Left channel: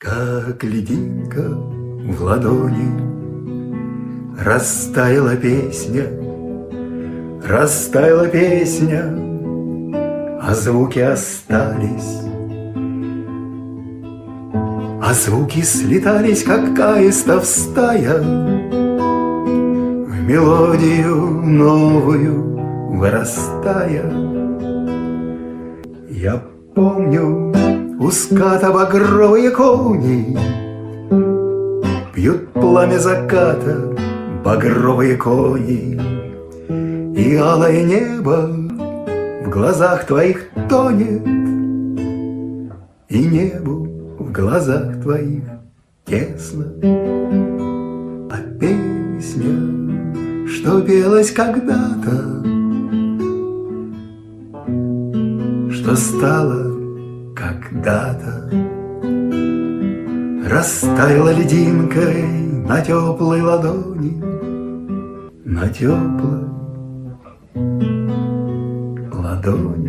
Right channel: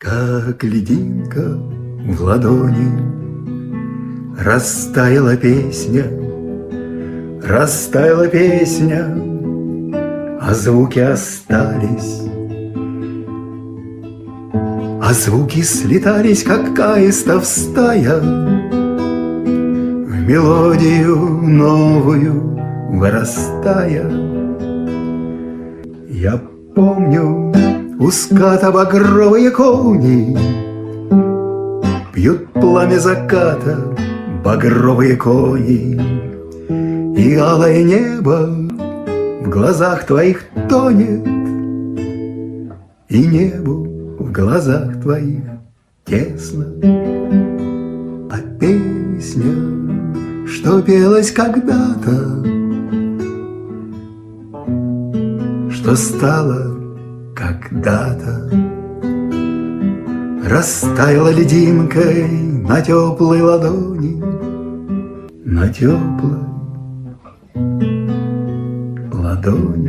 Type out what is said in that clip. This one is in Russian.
Как льдинка в ладони растаяла песня, а звуки остались, а звуки слетались, как аистов стая, в мелодию новую вырастая. Я помню, у ската багровые кони пьют пламя заката, багровые кони, и алое небо в глазах твоих тонет, и небу в глазах твоих тесно. А песня, что пелась когда-то, что стало когда-то, растаяла льдинкой на теплой ладони, на теплой ладони.